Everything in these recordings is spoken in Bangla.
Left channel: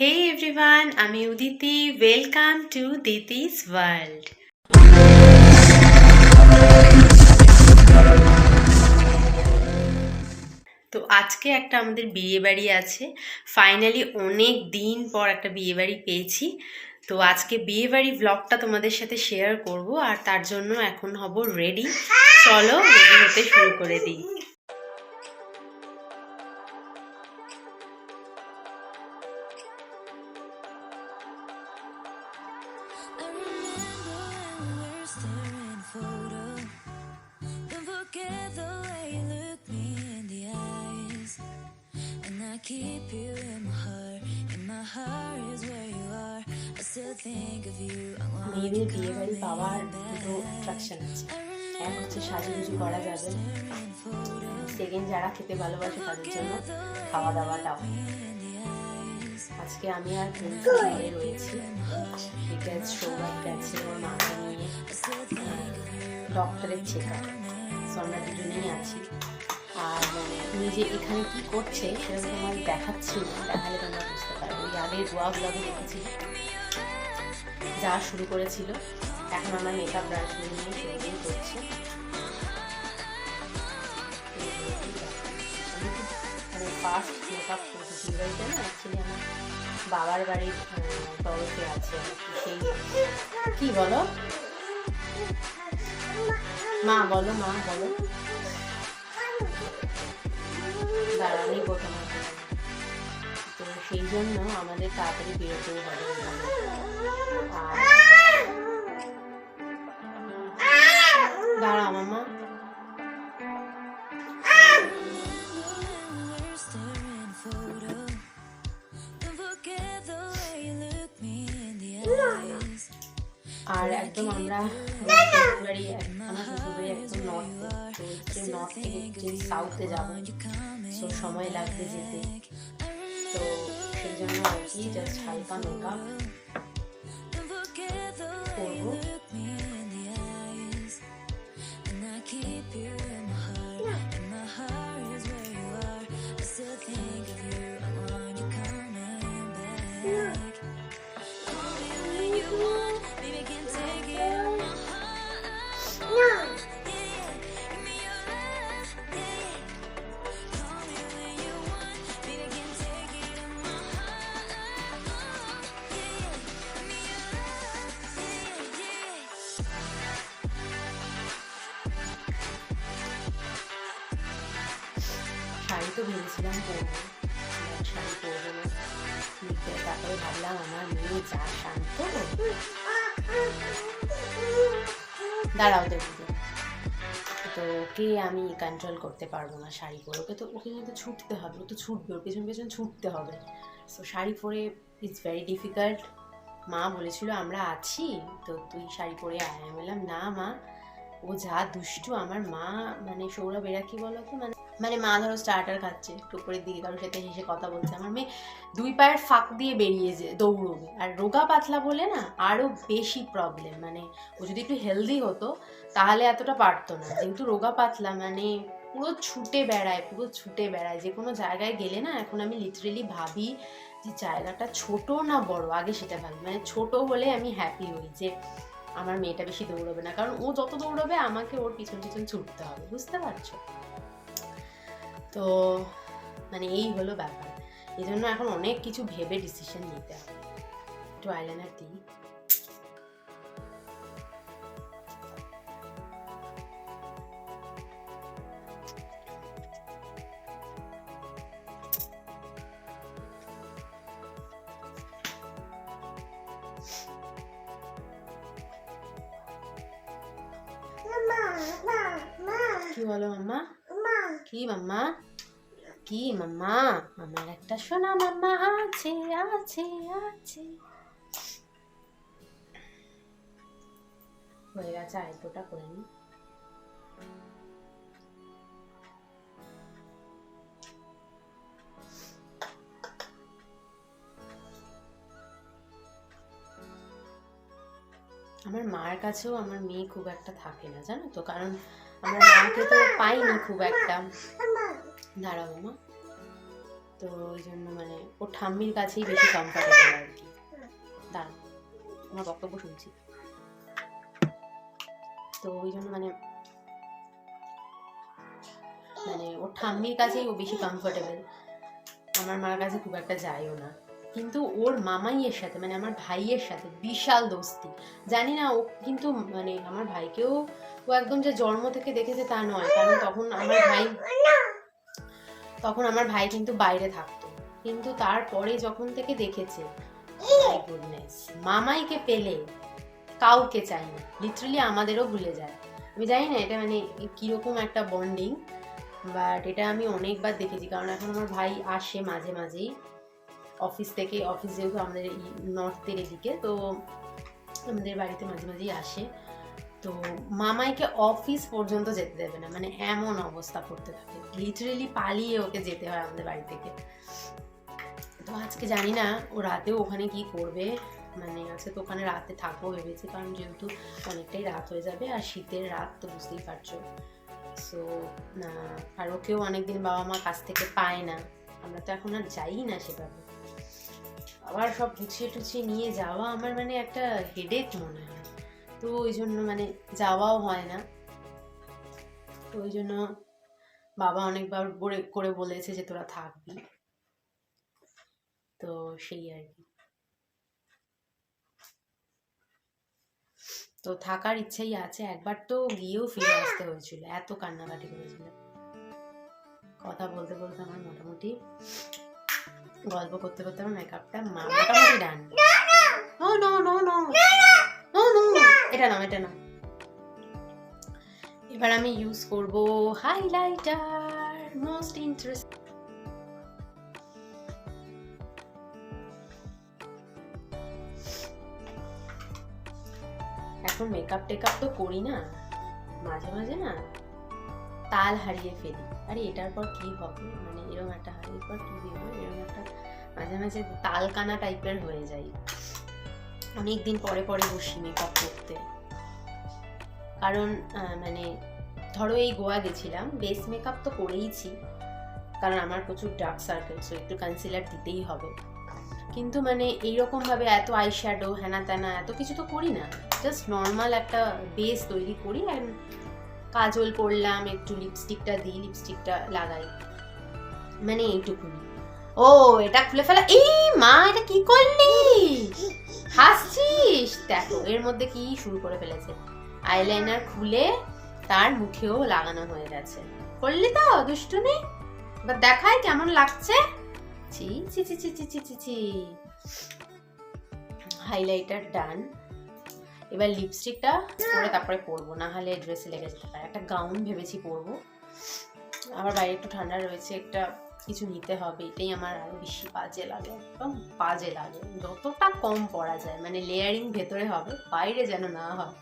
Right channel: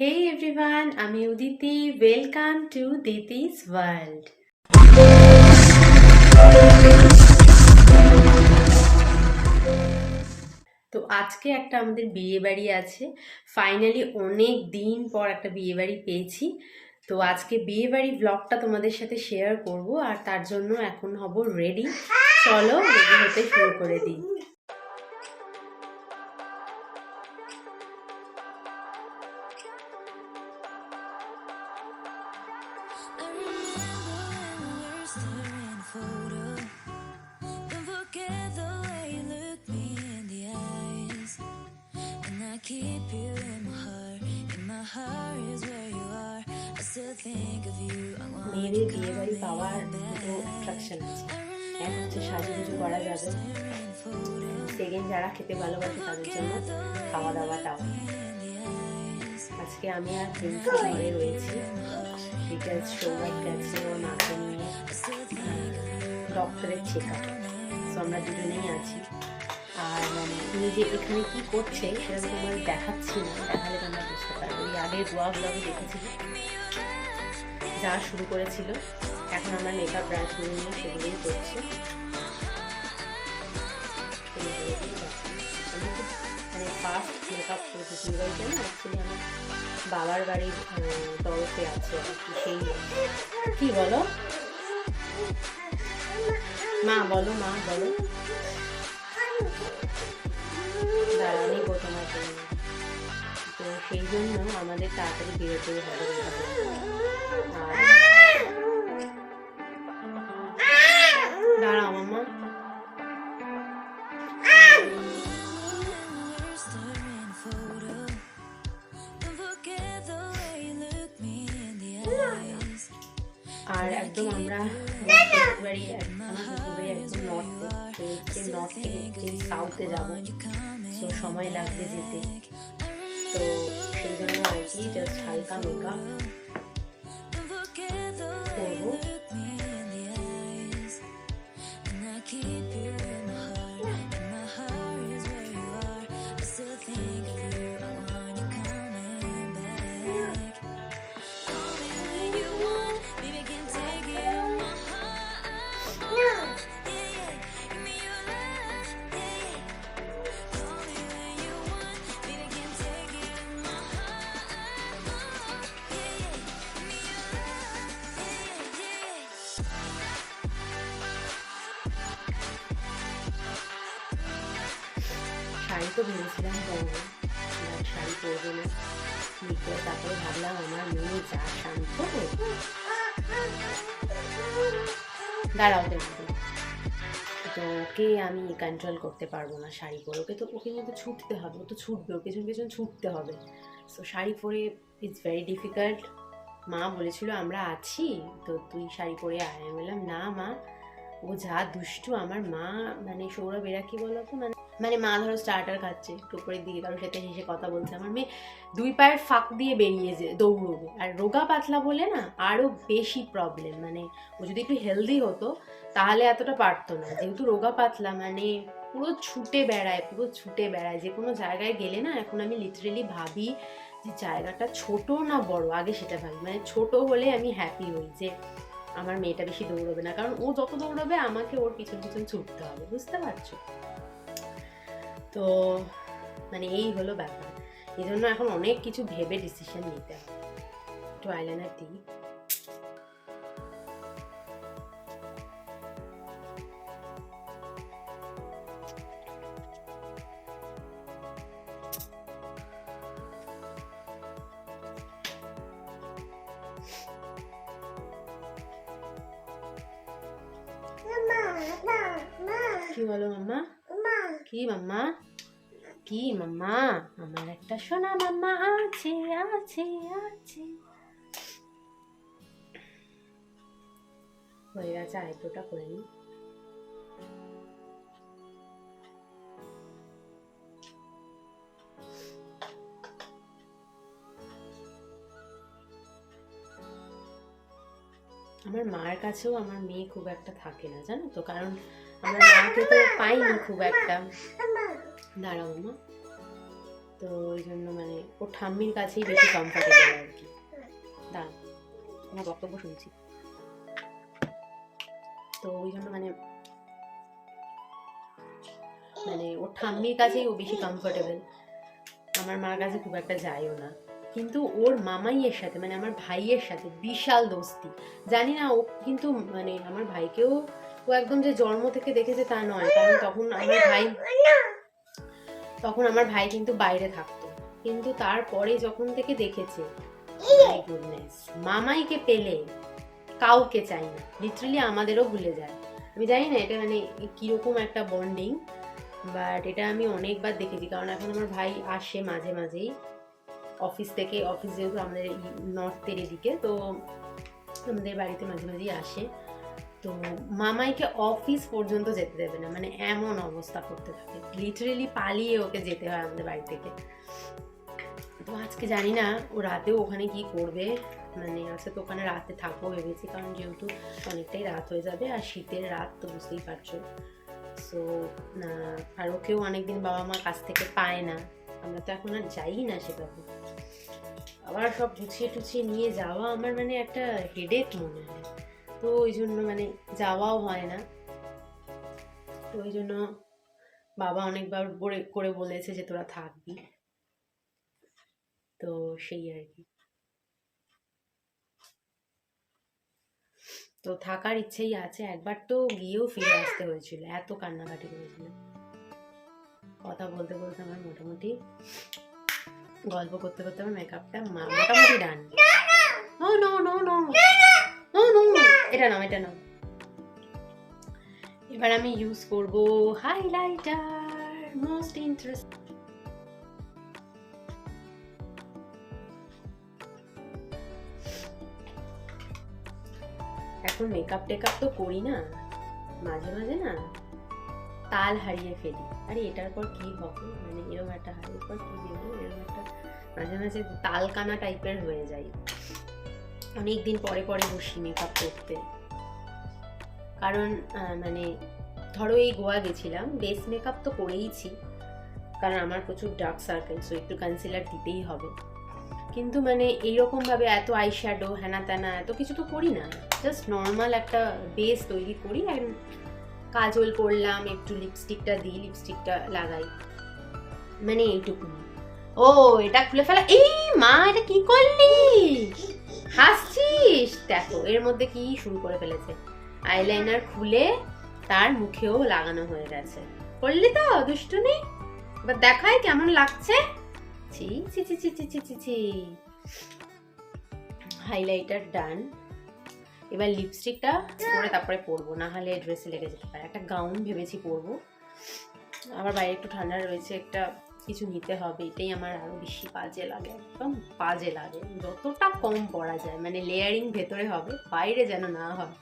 Hey everyone, আমি Uditi welcome to Diti's world তো আজকে একটা আমাদের বিয়ে বাড়ি আছে। ফাইনালি অনেক দিন পর একটা বিয়ে বাড়ি পেয়েছি। তো আজকে বিয়ে বাড়ি ব্লগটা তোমাদের সাথে শেয়ার করব আর তার জন্য এখন হব রেডি চলো রেডি হতে শুরু করে দিই। I remember when we were staring photo. Don't forget the way you look me in the eyes. And I keep you in my heart. In my heart is where you are. I still think of you. I want মেয়েদের বিয়ে বাড়ি পাওয়ার দুটো. অ্যাট্রাকশন আছে এক হচ্ছে সাজুগুজু করা যাবে. সেকেন্ড যারা খেতে ভালোবাসে তাদের জন্য খাওয়া দাওয়াটাও. আজকে আমি আর প্রিন্সু ঘরে রয়েছি। বিকজ সৌরভ গেছে ওর মাকে নিয়ে. ডক্টরের চেক আপ সো আমরা দুজনেই আছি। আর মানে তুমি যে এখানে কি করছে সেটা তো তোমার দেখাচ্ছি না। দেখালে তোমরা বুঝতে পারবে। ওই আগের গোয়া ব্লগে দেখেছি, যা শুরু করেছিল, এখন আমরা মেকআপ ব্রাশ নিয়ে সেগুলোই করছি। ফার্স্ট মেকআপ করেছি বিয়ে বাড়িতে না অ্যাকচুয়ালি আমার বাবার বাড়ির তরফে আছে সেই কি। বলো? মা বলো মা, বলো। দাঁড়া নিবো তোমার জন্য তো সেই জন্য আমাদের তাড়াতাড়ি বেরোতেও হবে। আর আর একদম আমরা শ্বশুরবাড়ি আমার শ্বশুরবাড়ি একদম নর্থে থেকে সাউথে যাব। তো সময় লাগবে যেতে। তো সেই জন্য আর কি জাস্ট হালকা নৌকা করব। শাড়ি তো ভেবেছিলাম পরবো। শাড়ি পরবো না। বিকেল তারপরে ভাবলাম আমার মেয়ে যা শান্ত দাঁড়াও দেখব তো ওকে আমি কন্ট্রোল করতে পারব না শাড়ি পরে। ওকে তো, ওকে কিন্তু ছুটতে হবে। ও তো ছুটবে, ওর পেছন পেছন ছুটতে হবে। তো শাড়ি পরে ইটস ভেরি ডিফিকাল্ট মা বলেছিল, আমরা আছি। তো তুই শাড়ি পরে আয়। আমি বললাম, না মা। ও যা দুষ্টু। আমার মা মানে সৌরভ, এরা কি বলো তো মানে মানে মা ধরো স্টার্টার খাচ্ছে টুকরের দিকে কারোর সাথে হেসে কথা বলছে। আমার মেয়ে দুই পায়ের ফাঁক দিয়ে বেরিয়ে যে দৌড়বে। আর রোগা পাতলা বলে না আরও বেশি প্রবলেম মানে ও যদি একটু হেলদি হতো তাহলে এতটা পারতো না। যেহেতু রোগা পাতলা মানে পুরো ছুটে বেড়ায়, পুরো ছুটে বেড়ায়। যে কোনো জায়গায় গেলে না এখন আমি লিটারেলি ভাবি যে জায়গাটা ছোট না বড়? আগে সেটা ভাবি। মানে ছোট হলে আমি হ্যাপি হই যে আমার মেয়েটা বেশি দৌড়বে না। কারণ ও যত দৌড়বে আমাকে ওর পিছন পিছন ছুটতে হবে। বুঝতে পারছ? তো মানে এই হলো ব্যাপার। এই জন্য এখন অনেক কিছু ভেবে ডিসিশন নিতে হবে। একটু আইলাইনার দিই। কি বলো মাম্মা? কি মাম্মা? কি, মাম্মা? আমার একটা সোনা মাম্মা আছে আছে আছে। হয়ে গেছে আরেকটা করে নি। আমার মার কাছেও আমার মেয়ে খুব একটা থাকে না, জানো তো? কারণ আমরা মাকে তো পাইনি খুব একটা। দাঁড়াও মামা। তো ওই জন্য মানে ওর ঠাম্মির কাছেই বেশি কমফর্টেবল আর কি। দাঁড়ান আমার বক্তব্য শুনছি। তো ওই জন্য মানে মানে ওর ঠাম্মির কাছেই ও বেশি কমফোর্টেবল আমার মার কাছে খুব একটা যায়ও না। কিন্তু ওর মামাইয়ের সাথে মানে আমার ভাইয়ের সাথে বিশাল দোস্তি। জানি না, ও কিন্তু মানে আমার ভাইকেও ও একদম যে জন্ম থেকে দেখেছে তা নয়। কারণ তখন আমার ভাই তখন আমার ভাই কিন্তু বাইরে থাকতো। কিন্তু তারপরে যখন থেকে দেখেছে গুডনেস মামাইকে পেলে কাউকে চাই না লিটারালি আমাদেরও ভুলে যায়। আমি জানি না এটা মানে কীরকম একটা বন্ডিং বাট এটা আমি অনেকবার দেখেছি। কারণ এখন আমার ভাই আসে মাঝে মাঝেই অফিস থেকে অফিস যেহেতু আমাদের নর্থের এদিকে তো আমাদের বাড়িতে মাঝে মাঝেই আসে। তো মামাইকে অফিস পর্যন্ত যেতে দেবে না। মানে এমন অবস্থা করতে থাকে। লিটারেলি পালিয়ে ওকে যেতে হয় আমাদের বাড়ি থেকে। তো আজকে জানি না, ও রাতেও ওখানে কি করবে। মানে আজকে তো ওখানে রাতে থাকব ভেবেছি, কারণ যেহেতু অনেকটাই রাত হয়ে যাবে আর শীতের রাত তো বুঝতেই পারছ। সো আর ওকেও অনেকদিন বাবা মা কাছ থেকে পায় না। আমরা তো এখন আর যাই না সেভাবে। আবার সব গুছিয়ে টুছিয়ে নিয়ে যাওয়া আমার মানে একটা হেডেক মনে হয়। তো ওই জন্য মানে যাওয়াও হয় না। তো ওই জন্য বাবা অনেকবার করে করে বলেছে যে তোরা থাকবি। তো সেই আর কি। তো থাকার ইচ্ছেই আছে। একবার তো গিয়েও ফিরে আসতে হয়েছিল। এত কান্নাকাটি করেছিল। কথা বলতে বলতে আমার মোটামুটি গল্প করতে করতে আমার মেকআপটা মোটামুটি done no no no. No no. এটা নাও এটা নাও। এবার আমি ইউজ করব হাইলাইটার মোস্ট ইন্টারেস্ট এখন মেকআপ টেকআপ তো করি না, মাঝে মাঝে না, তাল হারিয়ে ফেলি। আরে, এটার পর কি হবে? মানে এরকম একটা হারিয়ে পর কি দেবো? এরকম একটা মাঝে মাঝে তাল কানা টাইপের হয়ে যায়। অনেক দিন পরে পরে বসি মেকআপ করতে। কারণ মানে ধরো এই গোয়া গেছিলাম বেস মেকআপ তো করেইছি, কারণ আমার প্রচুর ডার্ক সার্কেল সো একটু কনসিলার দিতেই হবে। কিন্তু মানে এইরকমভাবে এত আই শ্যাডো হ্যানা ত্যানা এত কিছু তো করি না। জাস্ট নর্মাল একটা বেস তৈরি করি অ্যান্ড কাজল করলাম, একটু লিপস্টিকটা দিই লিপস্টিকটা লাগাই। মানে এইটুকুনি। ও, এটা খুলে ফেলা, এই মা, এটা কি করলি? হাসছিস? দেখো, এর মধ্যে কি শুরু করে ফেলেছে। আইলাইনার খুলে তার মুখেও লাগানো হয়ে গেছে। করলি তো দুষ্টুনি এবার দেখাই কেমন লাগছে। ছি ছি ছি ছি ছি ছি ছি ছি। Highlighter done. এবার লিপস্টিকটা পরে তারপরে পরবো, না হলে ড্রেসে লেগে যেতে পারে। একটা গাউন ভেবেছি পরবো। আবার বাইরে একটু ঠান্ডা রয়েছে, একটা কিছু নিতে হবে, এটাই আমার আরও বেশি বাজে লাগে, একদম বাজে লাগে। যতটা কম পরা যায় মানে লেয়ারিং ভেতরে হবে, বাইরে যেন না হয়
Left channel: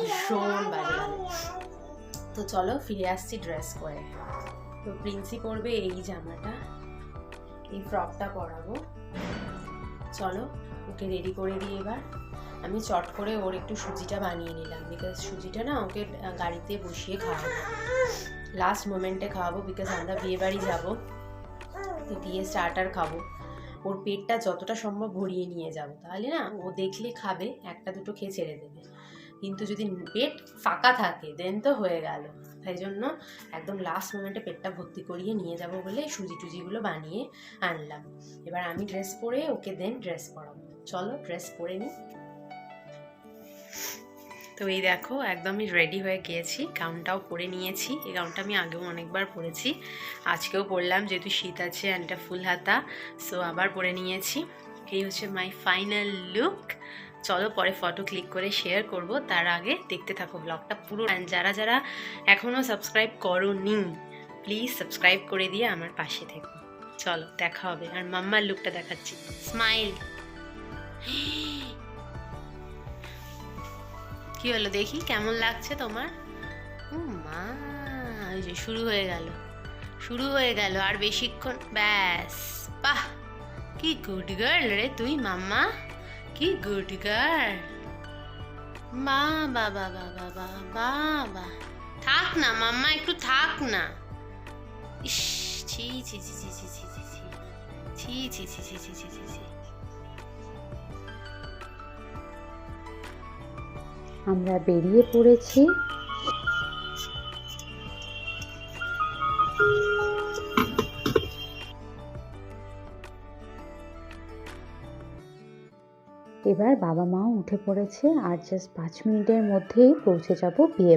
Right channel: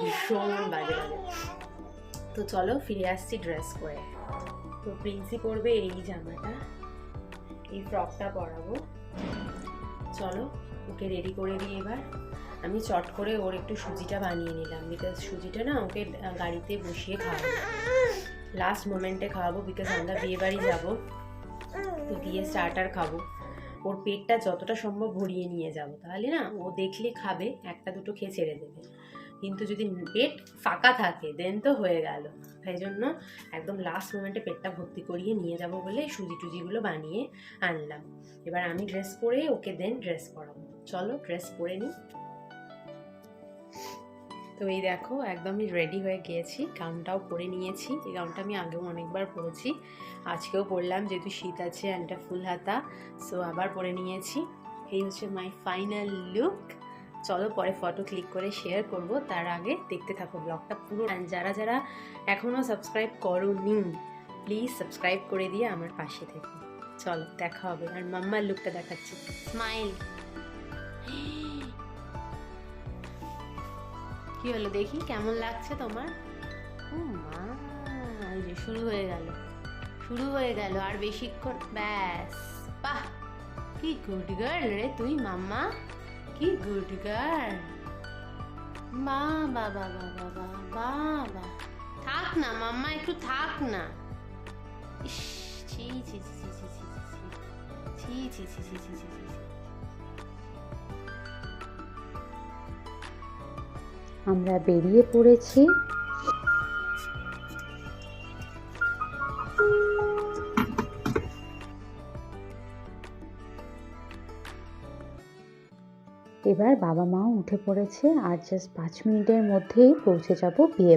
ভীষণ বাজে লাগে। তো চলো ফিরে আসছি ড্রেস করে তো প্রিন্সি পরবে এই জামাটা, এই ফ্রকটা পরাবো। চলো, ওকে রেডি করে দিই এবার। আমি চট করে ওর একটু সুজিটা বানিয়ে নিলাম বিকজ সুজিটা না ওকে গাড়িতে বসিয়ে খাওয়াবো। লাস্ট মোমেন্টে খাওয়াবো বিকজ আমরা বিয়ে বাড়ি যাব। তো গিয়ে স্টার্টার খাব। ওর পেটটা যতটা সম্ভব ভরিয়ে নিয়ে যাব। তাহলে না, ও দেখলে খাবে, একটা দুটো খেয়ে ছেড়ে দেবে। কিন্তু যদি পেট ফাঁকা থাকে দেন তো হয়ে গেল। তাই জন্য একদম লাস্ট মোমেন্টে পেটটা ভর্তি করিয়ে নিয়ে যাব বলে সুজি টুজিগুলো বানিয়ে আনলাম। এবার আমি ড্রেস পরে ওকে দেন ড্রেস পরাবো। চলো ড্রেস পরে নিই তো এই দেখো, একদমই রেডি হয়ে গিয়েছি। গাউনটাও পরে নিয়েছি। এই গাউনটা আমি আগেও অনেকবার পরেছি। আজকেও পরলাম, যেহেতু শীত আছে অ্যান্ড এটা ফুল হাতা সো আবার পরে নিয়েছি। এই হচ্ছে মাই ফাইনাল লুক চলো পরে ফটো ক্লিক করে শেয়ার করব। তার আগে দেখতে থাকো ব্লগটা পুরো। যারা যারা এখনও সাবস্ক্রাইব করো নি প্লিজ সাবস্ক্রাইব করে দিয়ে আমার পাশে থেকো। চলো, দেখা হবে। আর মাম্মার লুকটা দেখাচ্ছি। স্মাইল কি হলো দেখি কেমন লাগছে তোমার ও মা এই যে শুরু হয়ে গেল শুরু হয়ে গেল আর বেশিক্ষণ ব্যাস বাহ কি গুড গার্ল রে তুই মাম্মা কি গুড গার্ল বা বাবা বাবা বাবা বা থাক না মাম্মা একটু থাক না ইস ছি ছি ছি ছি ছি ছি ছি ছি ছি ছি ছি ছি ছি ছি আমরা বেরিয়ে পড়েছি। এবার বাবা মাও উঠে পড়েছে আর জাস্ট পাঁচ মিনিটের মধ্যেই পৌঁছে যাব বিয়ে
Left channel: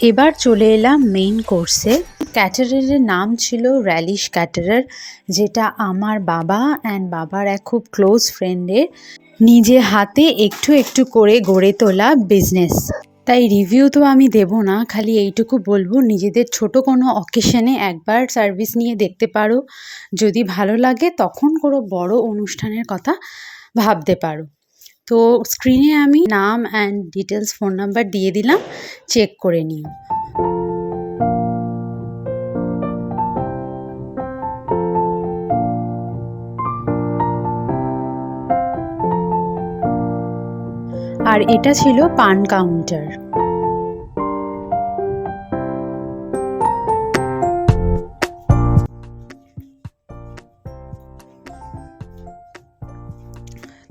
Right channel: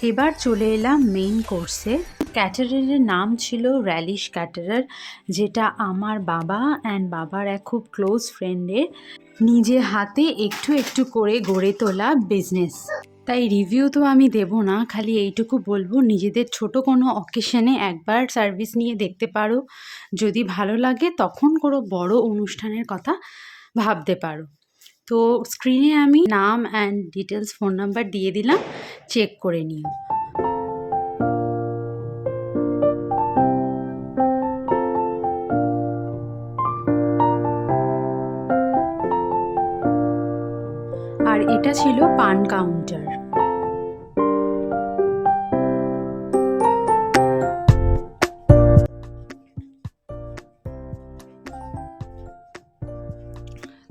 এবার চলে এলাম মেইন কোর্সে ক্যাটারারের নাম ছিল র্যালিশ ক্যাটারার যেটা আমার বাবা অ্যান্ড বাবার এক খুব ক্লোজ ফ্রেন্ডের নিজে হাতে একটু একটু করে গড়ে তোলা বিজনেস তাই রিভিউ তো আমি দেব না, খালি এইটুকু বলব, নিজেদের ছোট কোনো অকেশনে একবার সার্ভিস নিয়ে দেখতে পারো। যদি ভালো লাগে তখন কোনো বড় অনুষ্ঠানের কথা ভাবতে পারো। তো স্ক্রিনে আমি নাম অ্যান্ড ডিটেলস ফোন নাম্বার দিয়ে দিলাম চেক করে নিও। আর এটা ছিল পান কাউন্টার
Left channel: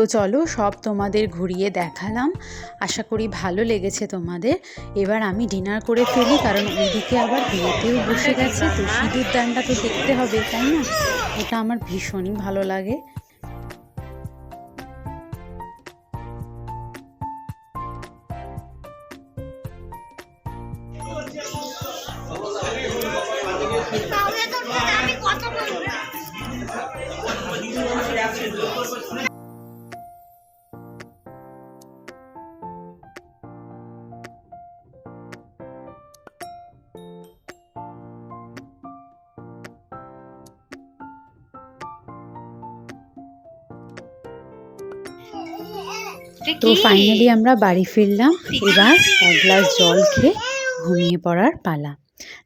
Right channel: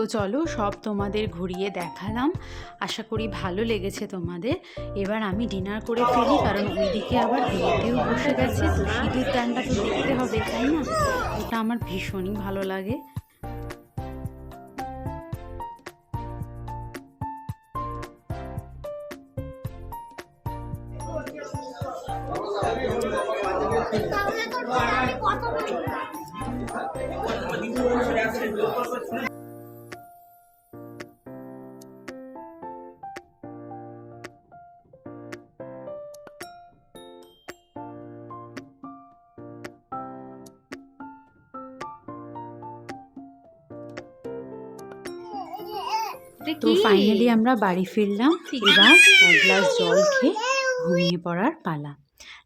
তো চলো সব তোমাদের ঘুরিয়ে দেখালাম। আশা করি ভালো লেগেছে তোমাদের। এবার আমি ডিনার করে ফেলি, কারণ ওইদিকে আবার বিয়েতেও বসে গেছে। তো সিঁদুর দানটা তো দেখতে হবে, তাই না? এটা আমার ভীষণই ভালো লাগে। তো ফাইনালি আমরা বাড়ি ফিরলাম এবার এক গ্লাস জল খেয়ে ঘুমিয়ে পড়ার পালা।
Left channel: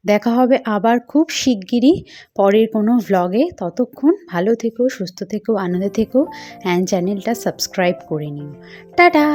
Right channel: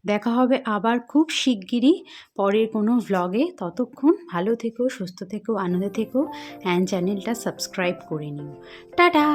দেখা হবে আবার খুব শিগগিরই পরের কোনো ভ্লগে ততক্ষণ ভালো থেকো সুস্থ থেকো আনন্দে থেকো অ্যান্ড চ্যানেলটা সাবস্ক্রাইব করে নিও। টাটা!